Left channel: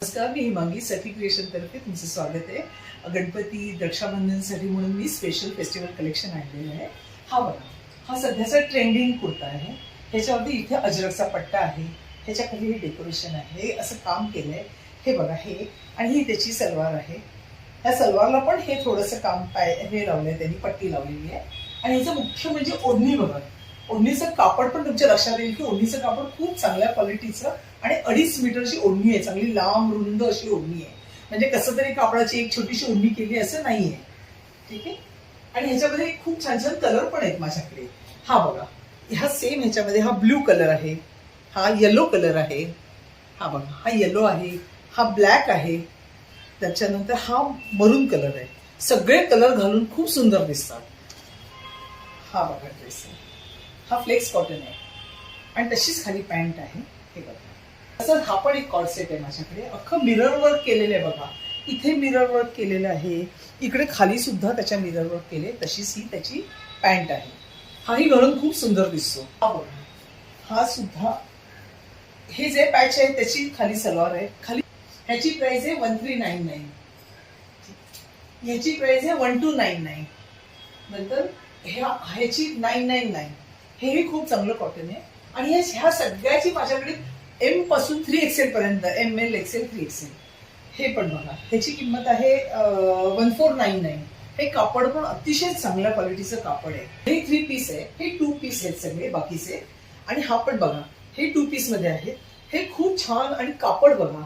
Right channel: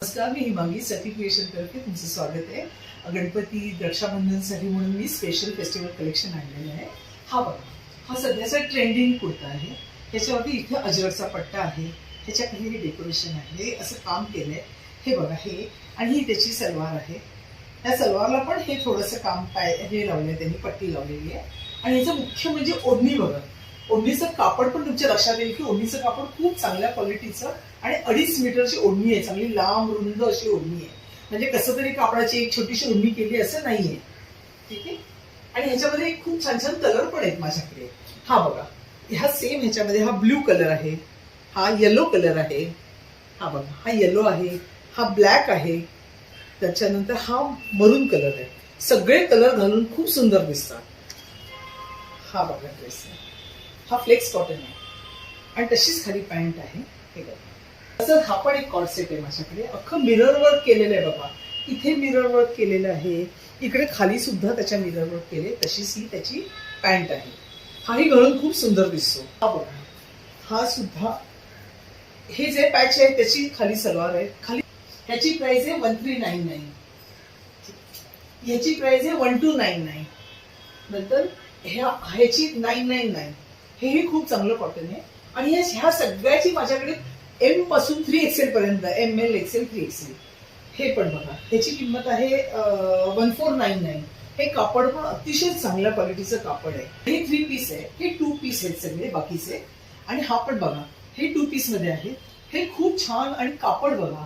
नमस्कार, मी हिमांगी सखी क्रिएशन तर्फे तुमचं स्वागत आहे. गणपती रक्षाबंधनसाठी म्हणून मी स्पेशल फेस्टिवल कलेक्शन आणलेलं आहे. हा बघा, हा सध्याचा ट्रेंडिंग कुर्ता आहे. ह्याच्यावरती इथे अजरकचा पट्टा आहे, ह्याच्या खाली हे डेकोरेशन आहे, असं काम केलंय. हे बघा हे, आणि ही त्याची सलवार आहे. त्या सलवारला पण हे थोडंसं काम हे लावलंय त्यांनी, पट्टी लावलेली आहे. आणि ह्याचं मुख्य म्हणजे ओढणी बघा. ओढणीचं कापड पण तुमच्या लक्षात येईल की ओढणीचं कापड खूप चांगल्या क्वालिटीचं आणि 2.5 मीटरची ओढणी आहे, चांगली लांब रुंद अशी ओढणी आहे. म्हणजे कसं तरी कापडाची एक छोटीशी ओढणी केली असं नाहीये. ठीक आहे. आणि ह्याच्यामध्ये खूप छान छान कलर पण आहेत माझ्याकडे. हा बघा, ह्या सेम ह्याच्यामध्ये हा ब्ल्यू कलर आहे, हा येलो कलर आहे, हा बघा हा येलो आहे, हा ब्लॅक आहे, त्याच्यानंतर हा मरून कलर आहे. सगळे कलर घालून खूप सुंदर दिसतात. हा बघा ड्रेस, हा फ्लेक्स कॉटन आहे आणि तशीच खाली पॅन्ट आहे. हे बघा, तसंच हा पण एक कॉर्ड सेट आहे माझ्याकडे. अख्खं मिरर वर्क केलेलं आहे बघा. इथे मिरर वर्क केलेलं आहे, इकडे खाली सुद्धा त्याच्या मिरर वर्क केले. तशीच ही त्याची पॅन्ट आहे. हाही घालून खूप सुंदर दिसतो. हा बघा, हा सुद्धा हे जे पॅच आहे त्याची खाली सलवार आहे. खाली ह्याची प्राइस आहे 1399, ह्याची प्राइस आहे 1299, नंतर ह्याची 999. हेही खूप चांगलं कॉटन आहे. आणि ह्या सगळ्याची माझ्याकडे एम पासून 3XL पर्यंत, ML, XL, 3XL. हे पण बघा, ह्याची किंमत आहे 1499. हे कापड पण अतिशय चांगल्या क्वालिटीचं कापड आहे. हे 3 पीस आहे, हे 2 पीस आहेत सगळे बाकीचे. आणि हा पण बघा, हे 2 पीस मध्ये आहे. हे खूप छान. आणि कापड बघा,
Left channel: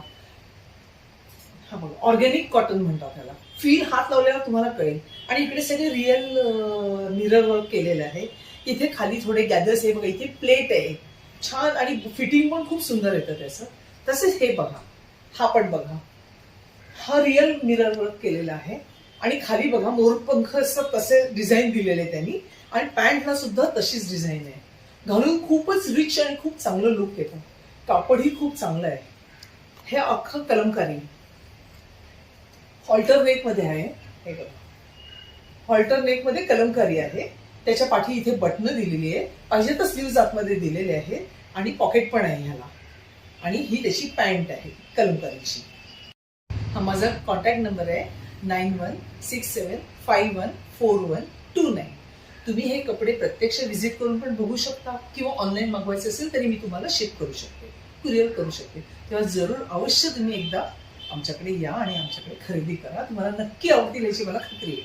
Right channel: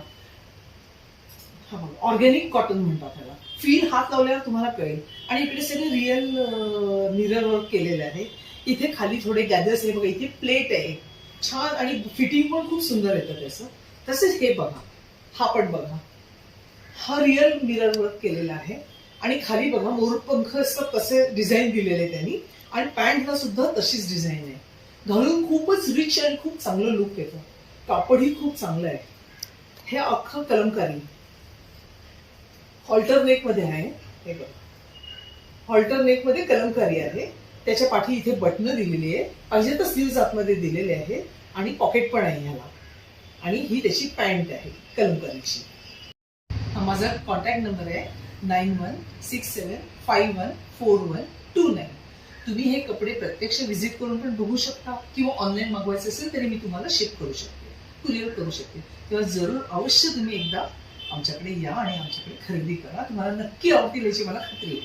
हा बघा ऑर्गॅनिक कॉटन म्हणतात त्याला. फील हात लावल्यावर तुम्हाला कळेल. आणि इकडे सगळे रिअल मिरर वर्क केलेलं आहे. इथे खाली थोडे गॅदर्स आहे बघा, इथे प्लेट आहे छान, आणि फिटिंग पण खूप सुंदर येतं त्याचं. तसेच हे बघा, हा पण बघा, हा रिअल मिरर वर्क केलेला आहे. आणि खाली बघा मोरपंख असं तसे डिझाईन दिलेले त्यांनी. आणि पॅन्टला सुद्धा तशीच डिझाईन आहे. घालून खूपच रिच आणि खूप चांगलं लुक येतं. कापडही खूप चांगलं आहे. हे अख्खं कलमकारी हॉल्टर नेक मध्ये आहे. हे बघा, हॉल्टर नेक मध्ये कलमकारी आहे. त्याच्या पाठी इथे बटणं दिलेली आहे, पाहिजे तर स्लीव्ज आतमध्ये दिलेले आहे. आणि पॉकेट पण आहे ह्याला. आणि ही त्याची पॅन्ट आहे कलमकारीची. हा माझा कॉन्टॅक्ट नंबर आहे 9167514129. तुम्ही हे कपडे प्रत्यक्ष व्हिजिट करून पण बघू शकता, किंवा ऑनलाईन मागवायचं असेल तरी मी तुम्हाला शिप करू शकते, कुरिअर करू शकते. तेव्हा जरूर अवश्य तुम्ही एकदा आमच्याकडे या आणि आमच्याकडे खरेदी करा. तुम्हाला नक्की आवडतील याची मला खात्री आहे.